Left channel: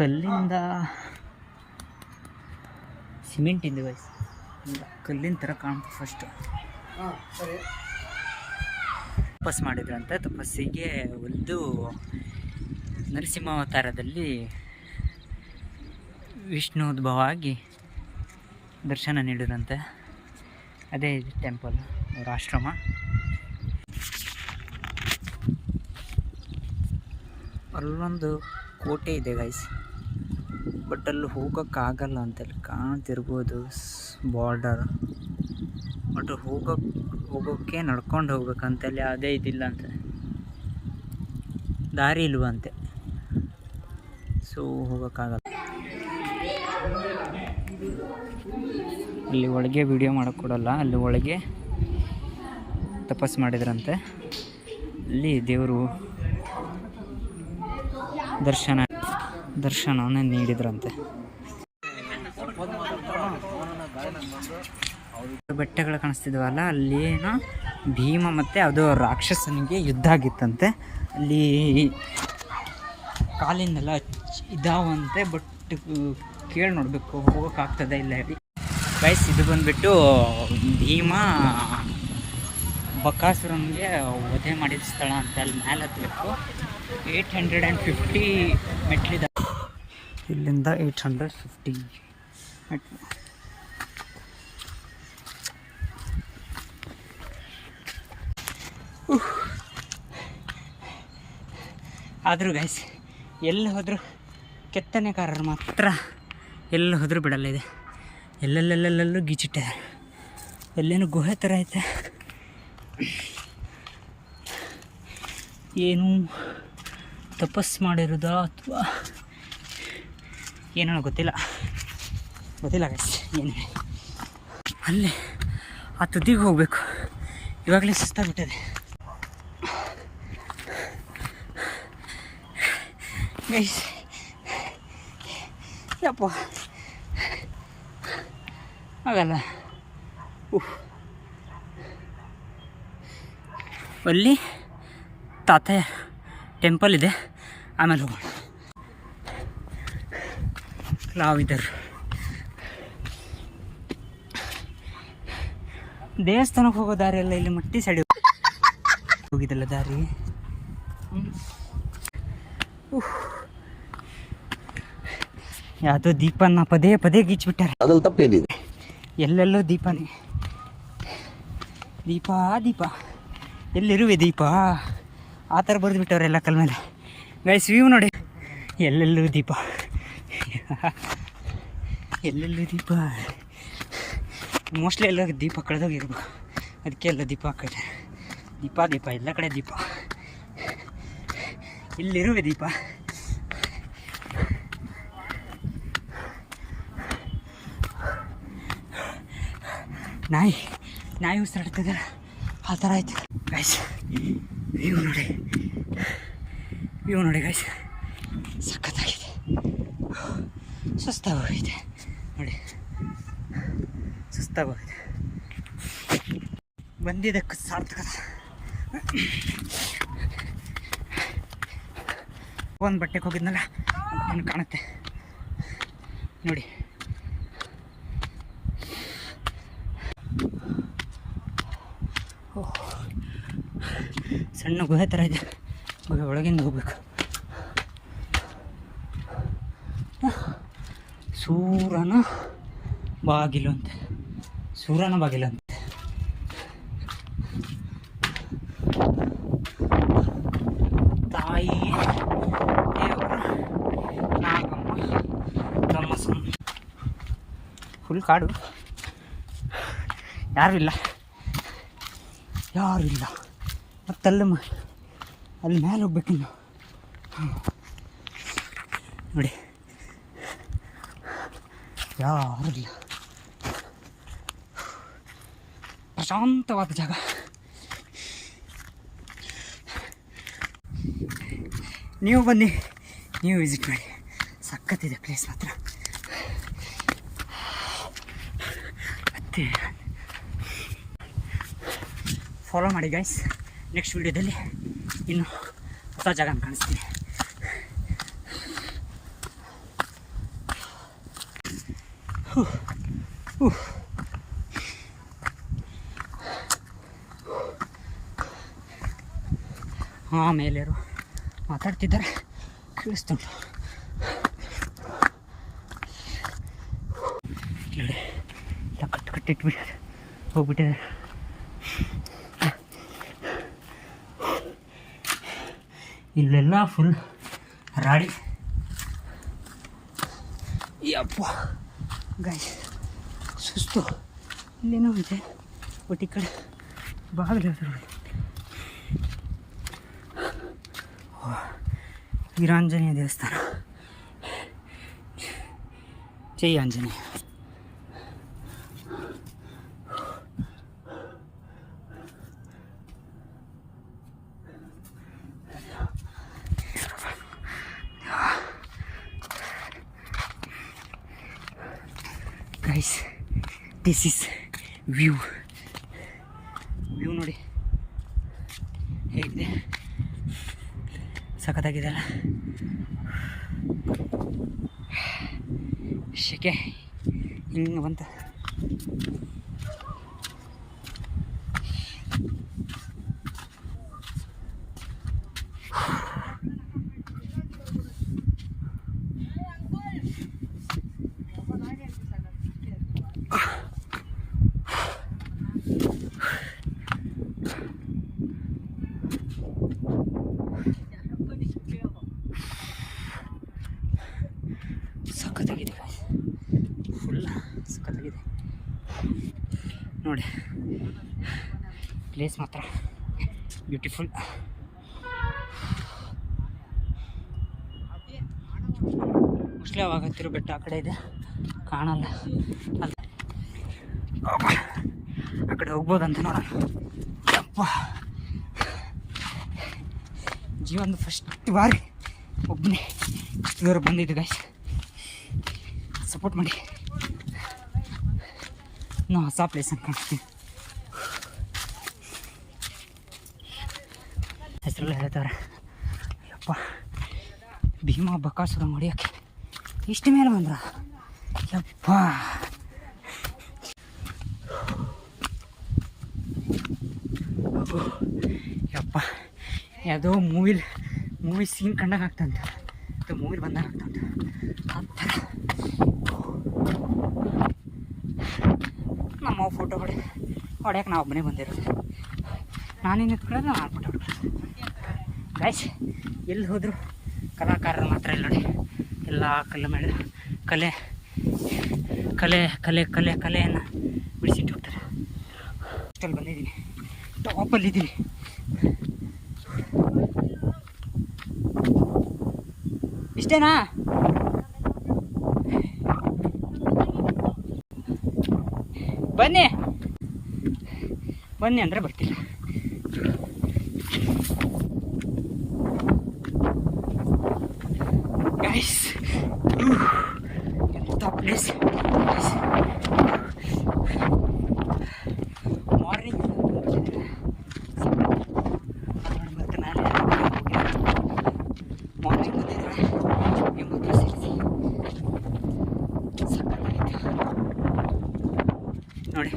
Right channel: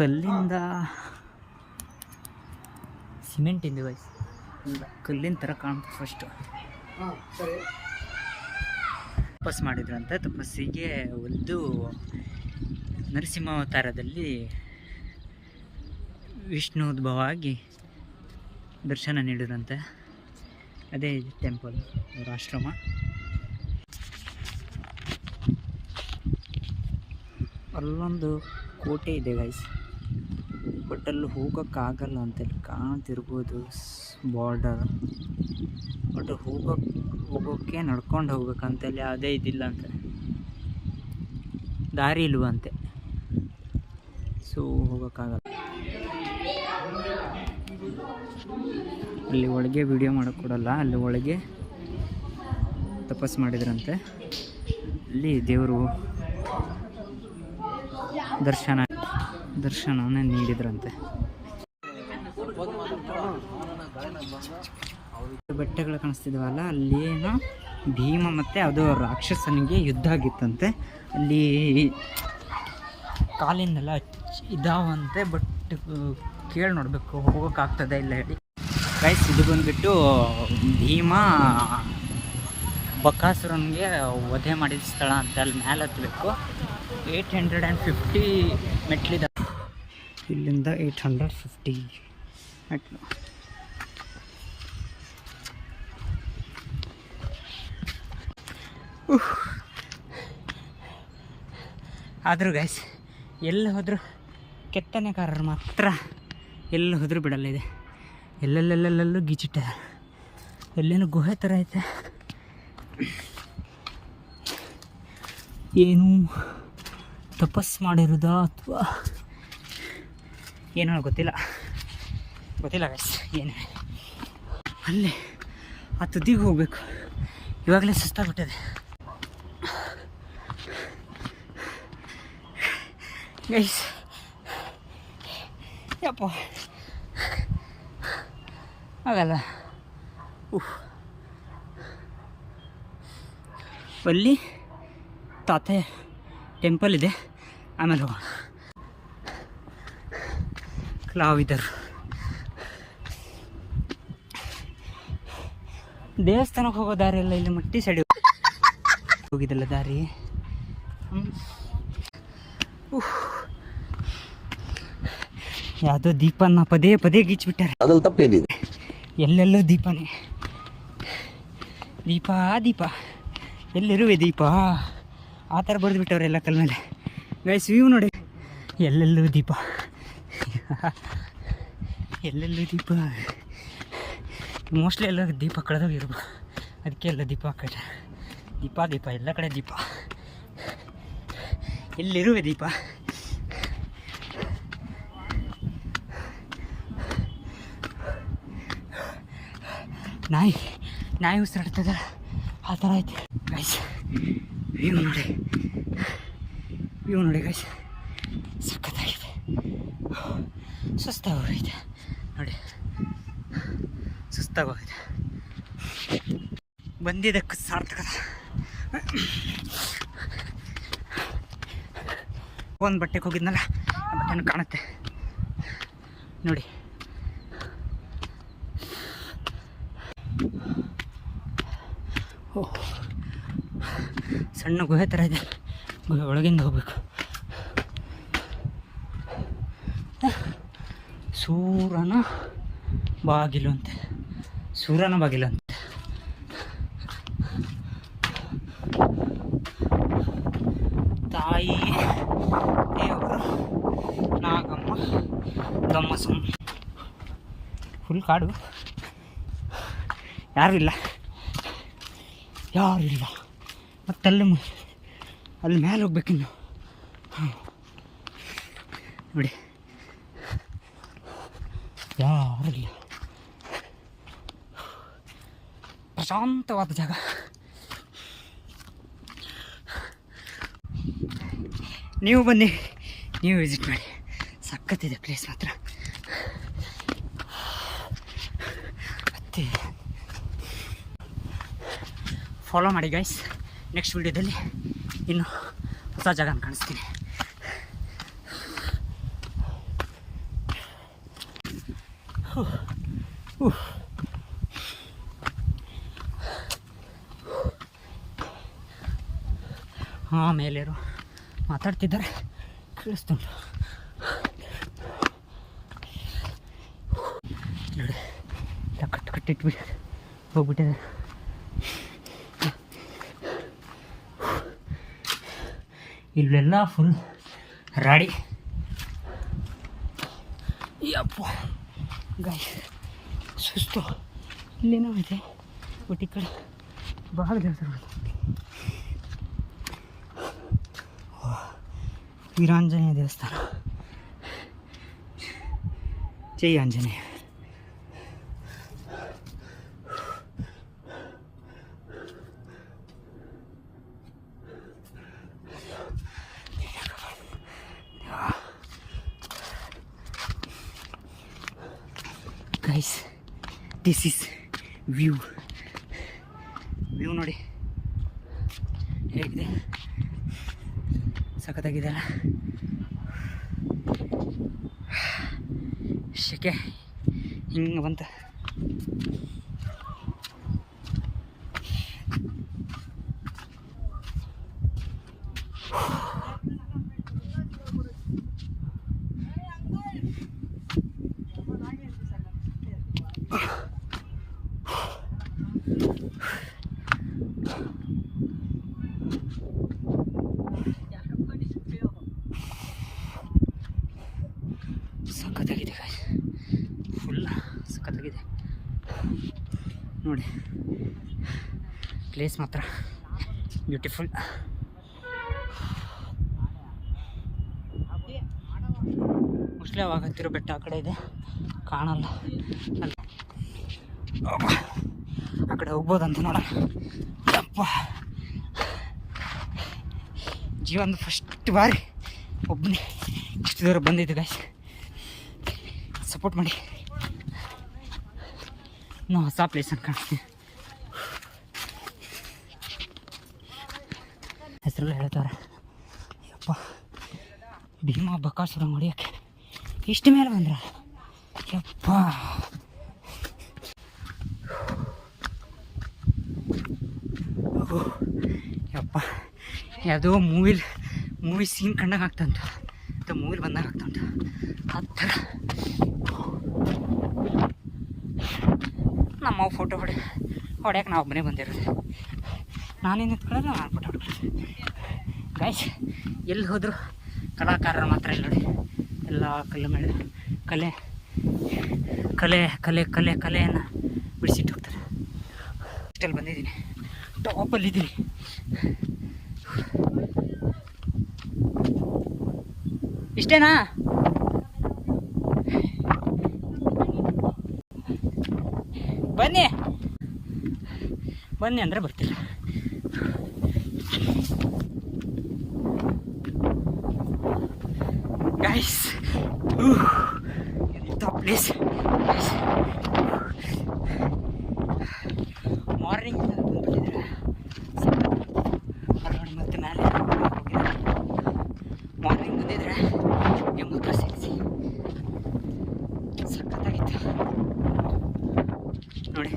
ಕಲ್ಲಿಂದ ಸಿಮೆಂಟ್ ಇಂದ ಗೈಸ್, ಕಲ್ಲಿನ ಥರ ಕಾಣ್ತು. ಫಸ್ಟು ತಪಸ್ ಮಾಡಿದ್ರಂತೆ. ತಪಸ್ಸಿಗೆ ಒಂದು ನರಸಿಂಹಾವತಾರದಲ್ಲಿ ವಿಷ್ಣು ಉದ್ಭವ ಆಗಿ ದರ್ಶನ ನೀಡಿದ್ರಂತೆ. ಅದೇ ಟೆಂಪಲ್, ಅವರ ಆಶ್ರಮ. ಅಲ್ಲೊಂದು ಕೋಟೆ ಇದೆ ಗೈಸ್, ಬಟ್ ಅಲ್ಲಿ ಹೋಗೋಕ್ಕಾಗಲ್ಲ ಅಂತೇಳಿ ಕಾಣ್ತಿರ್ಬೋದು ಬಾರ್ಡರ್. ಬಟ್ ಹೋಗೋಕ್ಕೆ ನಡ್ಕೊಂಡು ಹೋಗ್ಬೇಕಂತೇಳಿ ಅದೇ ಇದಿಲ್ಲ ಅಂತ, ದಾರಿ ಇಲ್ವಂತೆ. ಸೊ ಹೋಗೋಕ್ಕಾಗಲ್ಲ. ಅಲ್ಲಿ ಒಳಗೆ ವಿಡಿಯೋ ಮಾಡೋಕ್ಕೆ ಕೊಡಲ್ಲ. ಅಲ್ಲಿ ಒಳಗೆ ತಪಸ್ಸು ಮಾಡಿದ್ರಂತೆ. ಅಲ್ಲಿ ದೇವರು ದರ್ಶನವನ್ನು ನೀಡಿದ್ರಂತೆ. ಬೆಟ್ಟಗಳು ಕಾಣಿಸ್ತಿದ್ವಲ್ಲ, ಅಲ್ಲೇನೋ ಭೀಮ ಮತ್ತು ಅದು ರಾಕ್ಷಸನಿಗೆ ಯುದ್ಧ ಆಗಿತ್ತಂತೆ. ಅಲ್ಲಿ ಕಾಲಿಂದೆಲ್ಲ ಇದಾವಂತೆ. ಬಟ್ ಕೇಳಿ ನೋಡಬೇಕು ಹೋಗೋಕ್ಕಾಗ್ತದೆ ಇಲ್ಲ ಹೇಳಿ ಗೈಸ್. ಇದು ಬಂದುಬಿಟ್ಟು ಭೀಮ ಬಕಾಸುರನಿಗೆ ವಧೆ ಮಾಡಿದ ಸ್ಥಳ ಅಂತ. ಅಲ್ಲಿ ಮೇಲೆ ಹತ್ತಬೇಕು. 850 ಮೆಟ್ಲಿದೆ. ಇಲ್ಲಿಂದ 850 ಮೆಟ್ಲು. ಆದರೂ ಗೈಸ್ ಎಲ್ಲಿ ಹೋದರೂ ಕೆತ್ತನೆಕಾರರು ಮಾತ್ರ ಎಲ್ಲಿ ಹೋದರೂ ಬಿಡಲ್ಲ. ಇದೆ ಎಲ್ಲೆಲ್ಲೆಲ್ಲೆಲ್ಲೂ ಗೀಚಿಟ್ಟಿದೆ. ಎಲ್ಲೇನು ಗುಹೆ ಥರ ಐತೆ. ಏನು ತಪಸ್ಸು ಮಾಡಿರೋದಾ ಅಥವಾ ಏನೋ ಗೊತ್ತಿಲ್ಲ ಗೈಸ್. ಏನು ಅಲ್ಲೇ ಆ ತುದಿಗೆ ಹೋಗಬೇಕು. ಇವಾಗಲೇ ಸುಸ್ತಾಗ್ಬಿಟ್ಟಿದೆ ಗೈಸ್. ಯಪ್ಪ ಆಗಲ್ಲ. ಅಲ್ಲಿ ತಾತಯ್ಯ ಟೆಂಪಲ್ ಇದೆ, ಆಮೇಲೆ ಹೋಗೋಣ. ಕಲಾವಿದರು ದೇವಸ್ಥಾನಕ್ಕೆ ಹೋಗೋ ದಾರಿ ಎಲ್ಲ ಇಲ್ಲಿ ಮಟ್ಟಿ ಸೈಡ್ ಹೋಗಿದ್ದಲ್ಲ ದಾರಿ. ಯಾವುದೋ ದೀಪನ ಪದೇ ಪದೇ ಗೀಚ್ಬಿಟ್ಟಾರೆ. ಅದ್ರಲ್ಲಿ ತಪ್ಪೇನಿದೆ? ಎಲ್ಲೆಲ್ಲೂ ದೀಪನೇ. ದೀಪ ಎಲ್ಲಿರುವೆ ದೀಪ ಆ ಥರ ಬರೆದು ಬಿಟ್ಟವ್ರೆ ಎಲ್ಲ ಕಲ್ ಮೇಲೆ ಗೈಸ್. ವ್ಯೂ ನೋಡಿ, ಎಲ್ಲೆಲ್ಲೂ ದೀಪ. ಎಲ್ಲೆಲ್ಲೂ ದೀಪ. ಮೋಸ್ಟ್ಲಿ ಎಲ್ಲ ದೀಪ ಕಳೆದೋಗಿರ್ಬೇಕು, ಅದಕ್ಕೆ ಎಲ್ಲ ದೀಪ ಹಾಕಿದೆ. ದೀಪ ಎಲ್ಲ ಕಡೆ ದೀಪ. ಎಲ್ಲಿರುವೆ ದೀಪ. ನಾಯಿ ಉಸಿರಾಡ್ತದೆ ಆ ಥರ ಆಯ್ತು ಗೈಸ್. ವ್ಯೂ ನೋಡಿ ಗೈಸ್, ಸಖತ್ತಾಗಿದೆ. ಸುಸ್ತಾಗೋಗಿದೆ ನೋಡಿ, ಸುಸ್ತಾಗೋಗಿದೆ. ಬಂದಿದ್ದಕ್ಕೆ ಸಾರ್ಥಕದ. ಒಂದು ಬಟ್ಟೆಗೆ ಹೋಗಿದ್ನಲ್ಲ, ಆ ಬಟ್ಟೆನೂ ಕಾಣುತ್ತೆ ನೋಡಿ. ಸಣ್ಣ ಗುಹೆ ಥರ ಇದೆ. ಗುಹೆ ಒಳಗಿಂದ ಹೋಗ್ಬೇಕು. ಸೂರನ ಬಾಗಿಲು ಅಂತೆ. ತಾಯಿ ದೇವರು ನಾಗಮ್ಮ ಗಮ್ಮಸಮ್ಮ. ಫುಲ್ ಕಾಡು, ಯಾರೂ ಇಲ್ಲ. ಮತ್ತು ಅಲ್ಲಿ ಮೇಲೆ ಹೋಗ್ಬೇಕಿನ್ನು ನೋಡಿ, ಯಾರೂ ಇಲ್ಲ. ಪ್ರಶಾಂತವಾದ ಜಾಗ. ನೀವು ಬನ್ನಿ, ನೀವು ವಿಸಿಟ್ ಮಾಡಿ. ಸಖತ್ತಿದೆ ಪ್ಲೇಸ್ ಮಾತ್ರ. ಮತ್ತೆ ಫಾಲೋ ಮಾಡಿ ಗೈಸ್. ನೆಕ್ಸ್ಟ್ ವಿಡಿಯೋದಲ್ಲಿ ಇನ್ನು ಹೊಸ ಜಾಗನ ಕಾಣಿಸ್ತೀನಿ. ಹಾಂ, ಮೇಲೇರು ಮಾತಾಡ್ತಿದ್ದಾರೆ, ಕೇಳಿಸ್ತುಂಟು ನೋಡಿ. ಕಟ್ಟಿಟ್ಬಿಟ್ಟು ಹೋಗ್ಬಿಟ್ಟಿದ್ದಾರೆ. ಇಲ್ಲೆಲ್ಲ ಫುಲ್ ರಾಡಿ. ಯಪ್ಪ ಗಾಯ್ ಸುಸ್ತು. ಇಲ್ಲೇನೋ ಇದೆ, ಬಟ್ ಈ ಕಡೆ ಬಾಗಿಲು ನೋಡಿ. ವೀರಾಂಜನೇಯ ದೇವಸ್ಥಾನ. ಜೈ Anjaneya. Guys, this is view ನೋಡಿ ಹೇಗಿದೆ, ಸಖತ್ತಾಗಿದೆಯಲ್ಲ. ಶೆಕೆ ಹಿಂಗೆ ಬಂತ. ಸಖತ್ತಾಗಿದೆ ಫುಲ್ ಸಖತ್ತಾಗಿದೆ ನೋಡಿ. ಪ್ಲೇಸ್ ಮಾತ್ರ ಬ್ಯೂಟಿಫುಲ್. ಮೋಸ್ಟ್ಲಿ ಅವಾಗ ಹತ್ತಿರೋ ಬೆಟ್ಟ ಆ ಕಡೆ ಇದೆ, ಕಾಣಲ್ಲ. ಅಲ್ಲ ಆ ಕಡೆ ಹೋಗ್ಬೋದಂತ ನೋಡೋಣ. ಅಪ್ಪ, ಜೀವನದ ಫಸ್ಟ್ ಬಾರಿ ಒಬ್ಬನೇ ಇಷ್ಟು ದೂರ ಬಂದಿದ್ದು ಗಾಯ್ಸ್. ಸಪೋರ್ಟ್ ಮಾಡಿ. ಇನ್ನೂ ಹೊಸ ಪ್ಲೇಸ್ ಅಂತ ಕಾಣಿಸ್ತೀನಿ. ಹೆಸರೆಲ್ಲ ಹೇಳ್ತಾರೆ. ಯಪ್ಪ, ಭೀಮಾ ಬಕಾಸುರ ಹೊಡಿಯೋಕ್ಕೆ ಇಷ್ಟು ಮೇಲೆ ಬಂದ್ರ. ಯಪ್ಪ, ಯಪ್ಪ, ಯಾವುದೋ ಮೂವಿ ಸೀನ್ ಕಂಡಾಗ ಆಗ್ತಂತ, ಅಥವಾ ಮೂವಿಲಿ ಬಂದಾಗ ಆಗ್ತಂತ. ಆ ಥರ ನಮ್ಮ ಫೋಟೋ ಹೊಡ್ಯಕ್ಕೆ ನಾವು ಒಬ್ಬನೇ ಬಂದಿರೋದು. ನಾನೇನು ನಿಂತ್ಕೊಳ್ಳೋದು, ನಾವು ಫೋಟೋ ಹೊಡ್ಬೋದು. ಗೈಸ್, ಎಲ್ಲಿ ಹೋದ್ರು ಕಲಾಕಾರರು ಮಾತ್ರ ಇಲ್ಲ ನೋಡಿ. ಎಲ್ಲ ಕಲೆಯನ್ನು ಬಿಡಿಸಿಟ್ಟು ಹೋಗ್ತಾರೆ. ಅಷ್ಟಲ್ಲಿ ಬಂದಿದ್ದೀನಿ, ಟಾಪಲ್ಲಿದ್ದೀನಿ. ಇಷ್ಟೇನಾ? ಬನ್ನಿ ಅಂದರೆ ಬರ್ತೀರ. ಗೈಸ್, ಎಂಥ ಪ್ಲೇಸ್. ಮಾರ್ನಿಂಗ್ ನೋಡಿ, ಮತ್ತೆ ಮೇಲೆ ಮಾರ್ನಿಂಗ್ ಬಂದಿದ್ರೆ ನಿಮ್ಮ ಹತ್ರ ಸೇರಿಸಿ ಸಖತ್ತಾಗಿತ್ತು ನೋಡಿ.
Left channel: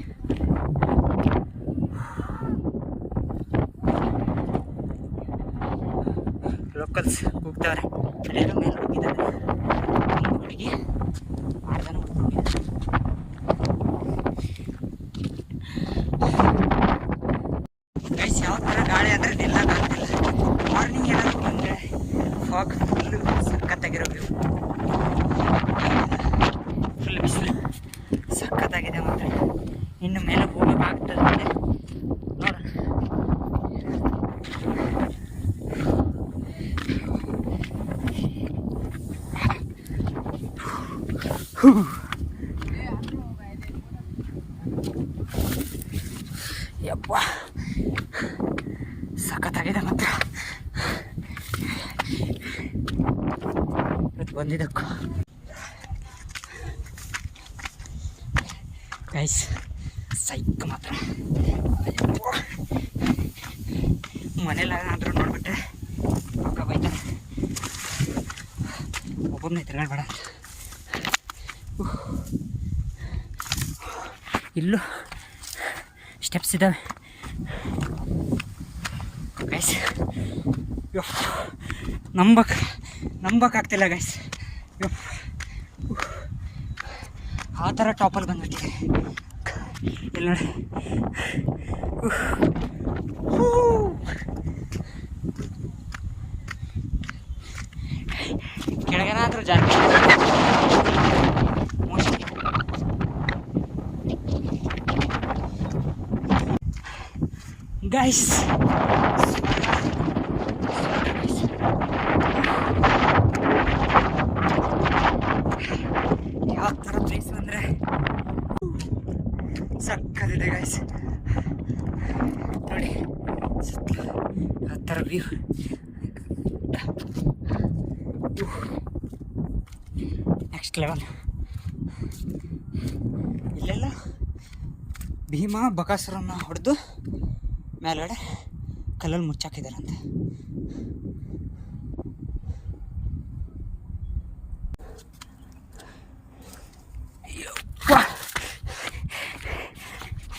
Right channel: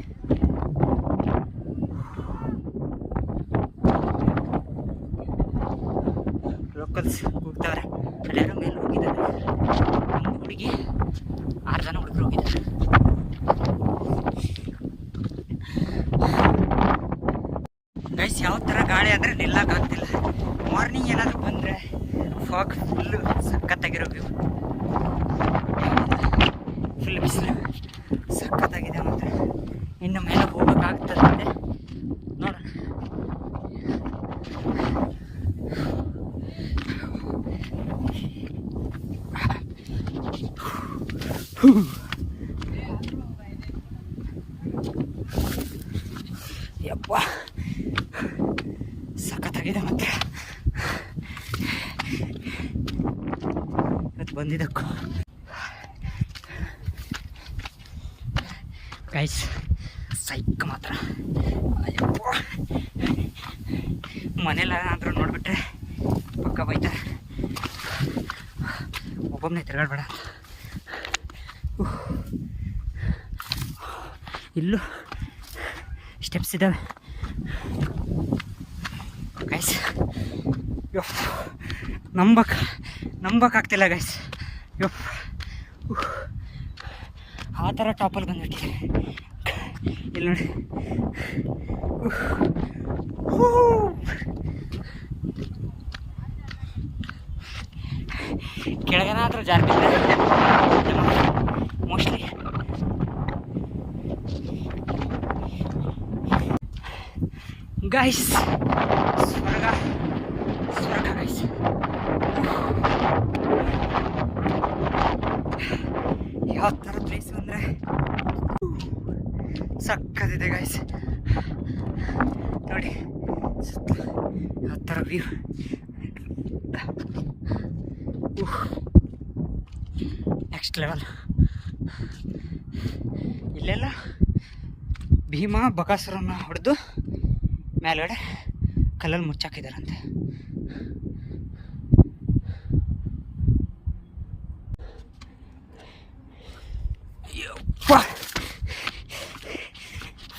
ಲೋಕಲ್ಸ್ ಹೋಗ್ತಾವ್ರೆ. ಅಲ್ಲೇನೋ ಮೇಲೆ ಹೋಗಿದ್ದಾರೆ, ಒಂದು ಹುಡುಗಿ 6 ಜನ ಹುಡುಗರು ಹೋಗಿದ್ದಾರೆ. ಗೈಸ್, ಯಾವ ಥರ ಗಾಳಿ ಅಂದರೆ ನಿಲ್ಲಕ್ಕಾಗ್ತಿಲ್ಲ. ಮಾರ್ನಿಂಗ್ ಏನಾದರೂ ಬಂದರೆ ಫಾಗ್ ಫುಲ್ಲು ಸಖತ್ತಾಗಿರೋ ವ್ಯೂ. ಫುಲ್ ಬಿಸಿಲು ಸಖತ್ತಾಗಿದೆ. ಮಾತ್ರ ಇನ್ನು ಮೇಲೆ ಹೋಗೋಕ್ಕಾಗ್ತದೆ ಅಂದರೆ ನೋಡೋಣ. ಯಪ್ಪ, ಸಖತ್ತಾಗಿದೆ ಮಾತ್ರ. ಇವತ್ತು ಬಂದಿದ್ದಕ್ಕೂ ಗೈಸ್ ಸೈಕ್ ಮಾತ್ರ. ಮನೇಲಾದ್ರೂ ನೋಡ್ಬಿಟ್ರೆ ಪಕ್ಕ ಬೈತಾರೆ, ಒಬ್ಬೊಬ್ಬನೇ ತಿರುಗಾಡ್ಬೇಡ. ಇಲ್ಲೂ ಸ್ಟೆಪ್ಸ್ ಇದ್ದಾವೆ ಗೈಸ್. ನಂಬಕ್ಕಾಗ್ತಿಲ್ಲ ಗೈಸ್. ಆ ಥರ ಟಾಪಲ್ಲಿ ಬಂದುಬಿಟ್ಟಿದೆ ಇಲ್ಲಿ ನೋಡಿ. ಕೆಳಗನಾದ್ರೂ ಜಾಸ್ತಿ ಮೋಸ್ಟ್ಲಿ. ಗೈಸ್ ಸ್ವರ್ಗ ಗೈಸ್. ಯಾವ ಥರ ಪ್ಲೇಸ್ ಅಂದರೆ ಸಕ್ಕತ್ತಿದೆ ಗೈಸ್. ನೋಡಿ ಯಾವ ಥರ ವ್ಯೂ. Next level. ಇಲ್ಲೆಲ್ಲ ಭೀಮಾ ಬಕಾಸುರನ್ನ ಹೊಡೆದು ಮೇಲ್ಗಡೆ ಕಲ್ಲಲ್ಲಿ ಮುಚ್ಚಾಕಿದಾರಂತೆ.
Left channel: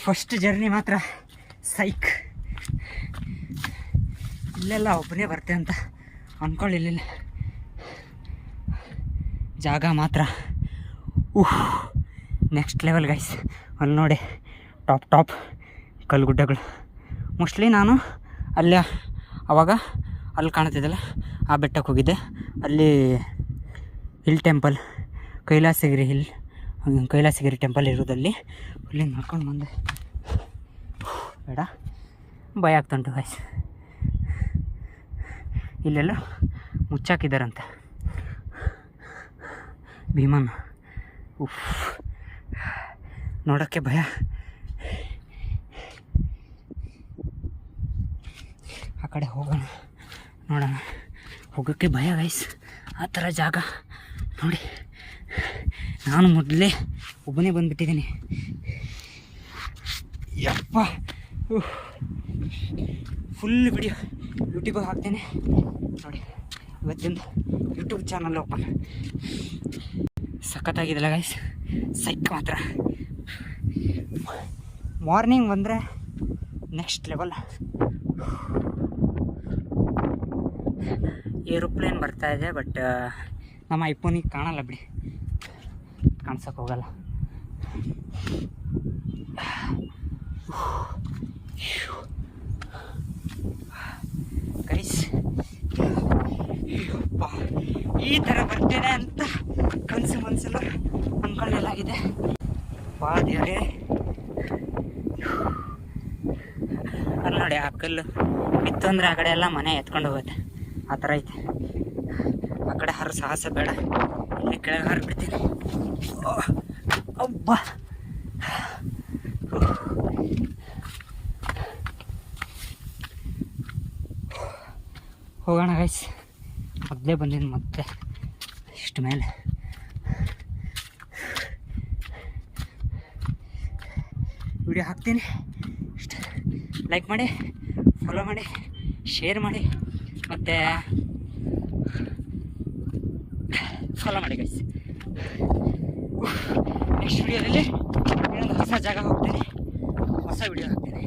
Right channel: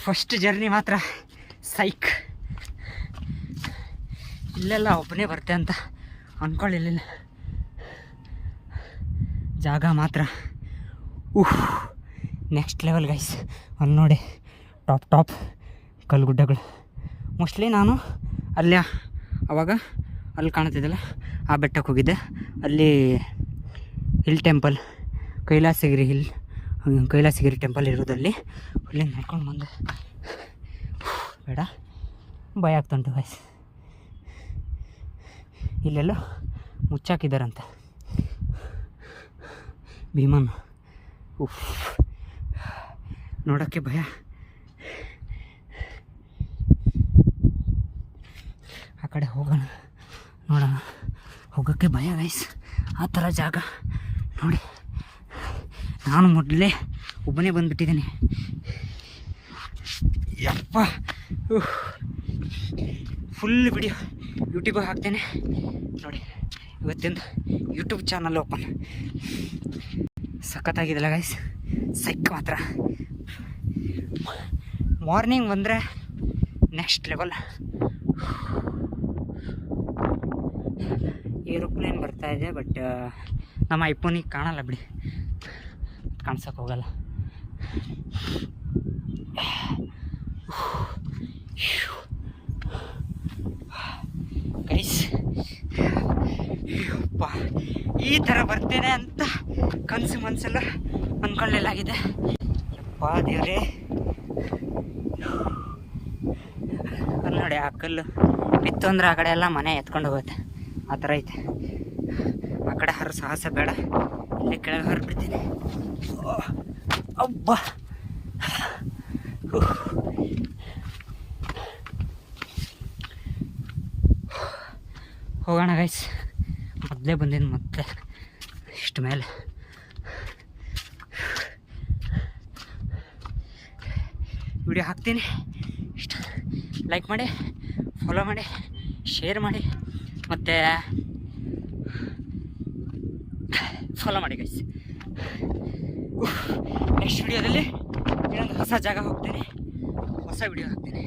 ಫಸ್ಟ್ ಜರ್ನಿ ಮಾತ್ರ ಸೈಕ್. ಇಲ್ಲೆಲ್ಲ ಒಬ್ಬನೇ ಬರ್ತೆ ಅಂತ ಅಂದ್ಕೊಳ್ಳಿಲ್ಲ. ಜಾಗ ಮಾತ್ರ ನೆಕ್ಸ್ಟ್ ಲೆವೆಲ್ ಗೈಸ್. ಅಲ್ಲಿ ನೋಡಿ ಟಾಪ್ ಕಲ್ಲುಗುಡ್ಡಗಳು. ಮೋಸ್ಟ್ಲಿ ನಾನು ಅಲ್ಲೇ ಆವಾಗ ಅಲ್ಲಿ ಕಾಣ್ತಿದ್ದಲ್ಲ ಆ ಬೆಟ್ಟಕ್ಕೆ ಹೋಗಿದ್ದೆ. ಅಲ್ಲಿ ಹಿಲ್ ಟೆಂಪಲ್, ಕೈಲಾಸಗಿರಿ ಟೆಂಪಲ್ ಇರೋದಲ್ಲಿ ಅಲ್ಲಿ ನೋಡ್ಕೊಂಡು ಬಂದೆ. ಬೇಡ, ಭಯ ಆಗ್ತುಂಟು ಗೈಸ್. ಇಲ್ಲೆಲ್ಲ ಮುಚ್ಚಾಕಿದ್ದಾರಂತೆ ಭೀಮನ್. ನೋಡೋಕ್ಕೆ ಭಯ. ಆ ಕಡೆ ಹೋಗೋಣ, ನೋಡೋಣ. ಹೋಗೋಕ್ಕೆ ಭಯ ಗೈಸ್, ಆ ಥರ ಜಾಗ ನೋಡಿ. ನಾನು ಮೊದಲೇ ಒಬ್ಬನೇ ಬಂದುಬಿಟ್ಟಿದ್ದೀನಿ. ಯಪ್ಪ, ಫುಲ್ ವಿಡಿಯೋ ಯೂಟ್ಯೂಬಿಗೆ ಹಾಕ್ತೇನೆ ನೋಡಿ. ಇವತ್ತಿಂದ ಯೂಟ್ಯೂಬ್ ಚಾನಲ್ ಓಪನ್. ಸಖತ್ತಾಗಿದ್ದಲ್ಲ ಗೈಸ್, ಸೈಕ್ ಮಾತ್ರ. ಮಾರ್ನಿಂಗ್ ಬಂದರೆ ನೆಕ್ಸ್ಟ್ ಲೆವೆಲ್. ಏರೋಪ್ಲೇನ್ ಬರ್ತಾಯಿದೆ, ಬಟ್ ನಮ್ಮ ಐಫೋನಿಗೆ ಕಾಣಲ್ಲ ಬಿಡಿ, ಕಾಣ್ಸೋಕ್ಕೆ ಹೋಗಲ್ಲ. ಗೈಸ್ ಅಯ್ಯಪ್ಪ, ಈ ಥರ ಬರ್ತೇನೆ ಅಂತ ಕನಸು ಮನಸ್ಸೆಲ್ಲ ಅಂದ್ಕೊಳ್ಳಲಾಗಿದೆ. ಅಪ್ಪ ದೇವ್ರೇ, ಅಲ್ಲಿ ನೋಡಿ ಆ ಕಲ್ಲು ಇತ್ತು ಅಂದರೆ ಆ ಕಡೆ ಎಲ್ಲ ಮನೆ ಎತ್ಕೊಂಡು ಹೋಗುತ್ತೆ. ಆ ಥರ ಐತೆ. ಆ ಕಡೆ ಹರ ಸಾಹಸ ಬೇಡ, ಇಲ್ಲೇ ಕೆಳಗೆ ಹರಿಬಿಡ್ತೀನಿ. ಅಬ್ಬಾ, ಹೋಗೋಣ ಗೈಸ್. ಮೊದಲೇ ಬಂದಿದ್ದು ಮತ್ತೆ ಇಷ್ಟು ಮೇಲೆ. ವಿಡಿಯೋ ಹಾಕ್ತೀನಿ, ಇಷ್ಟು ಲೈಕ್ ಮಾಡಿ, ಫಾಲೋ ಮಾಡಿ, ಶೇರ್ ಮಾಡಿ, ಮತ್ತು ಫಾಲೋ ಮಾಡಿ ಗೈಸ್. ನೆಕ್ಸ್ಟ್ ವಿಡಿಯೋದಲ್ಲಿ ಇನ್ನೊಂದು ಹೊಸ ಜಾಗ ಹೋಗ್ತೀನಿ, ಹೊಸ ವಿಡಿಯೋ ಹಾಕ್ತೀನಿ.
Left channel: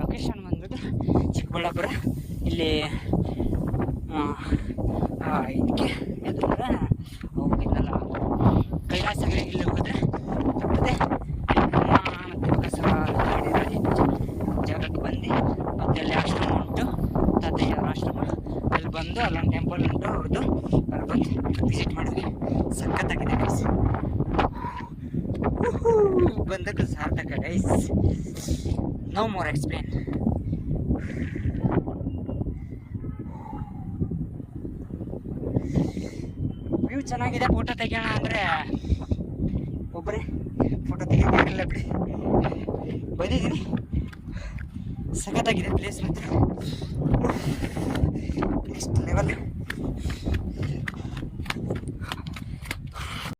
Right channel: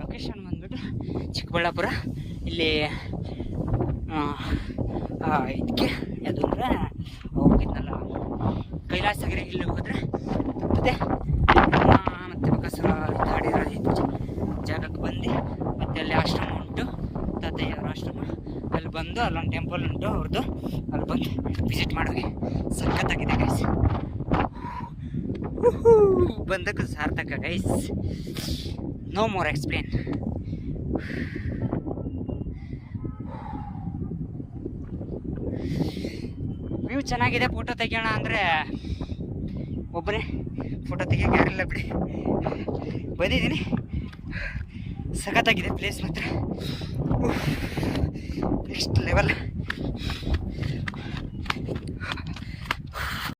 ಲೊಕೇಶನ್ ಬಂದ್ಬಿಟ್ಟು ಚಿಕ್ಕಬಳ್ಳಾಪುರ. ಇಲ್ಲಿ ಇದಕ್ಕೆ ಅದು ಅಂದರೆ ಹೋಗಿದ್ನಲ್ಲ ಕೈಲಾಸಗಿರಿ, ಇಲ್ಲಿ ಹೋದರೆ ಮತ್ತೆ ಬಕಾಸುರ ಜಾಗಕ್ಕೆ ಬಂದು ಮತ್ತೆ ಅಲ್ಲಿ ಆಶ್ರಮ ಉಂಟು, ತಾತಯ್ಯವ್ರ ಆಶ್ರಮ. ಅಲ್ಲಿ ಬಂದು ಅಲ್ಲೊಂದು ಟೆಂಪಲ್ ಉಂಟು ಅವ್ರದ್ದು, ಅಲ್ಲಿ ಬಂದು ವಿಸಿಟ್ ಮಾಡೋಗಿ. ಸಖತ್ತಾಗಿದೆ ಗೈಸ್, ಬಂದಕ್ಕೂ ಸಾರ್ಥಕ guys. No more explain. View ಚೆನ್ನಾಗಿದೆ. ಫೋಟೋ ತೆಗಿಯೋಣ ಅಂದರೆ ಒಬ್ಬರೇ ಫೋಟೋ ತೆಗಿಯೋಕ್ಕಾಗಲ್ಲ ಬಿಡಿ. ಬಂದಿದ್ದೀನಿ, ಸಖತ್ತಾಗಿದೆ ಪ್ಲೇಸ್ ಮಾತ್ರ. Next level.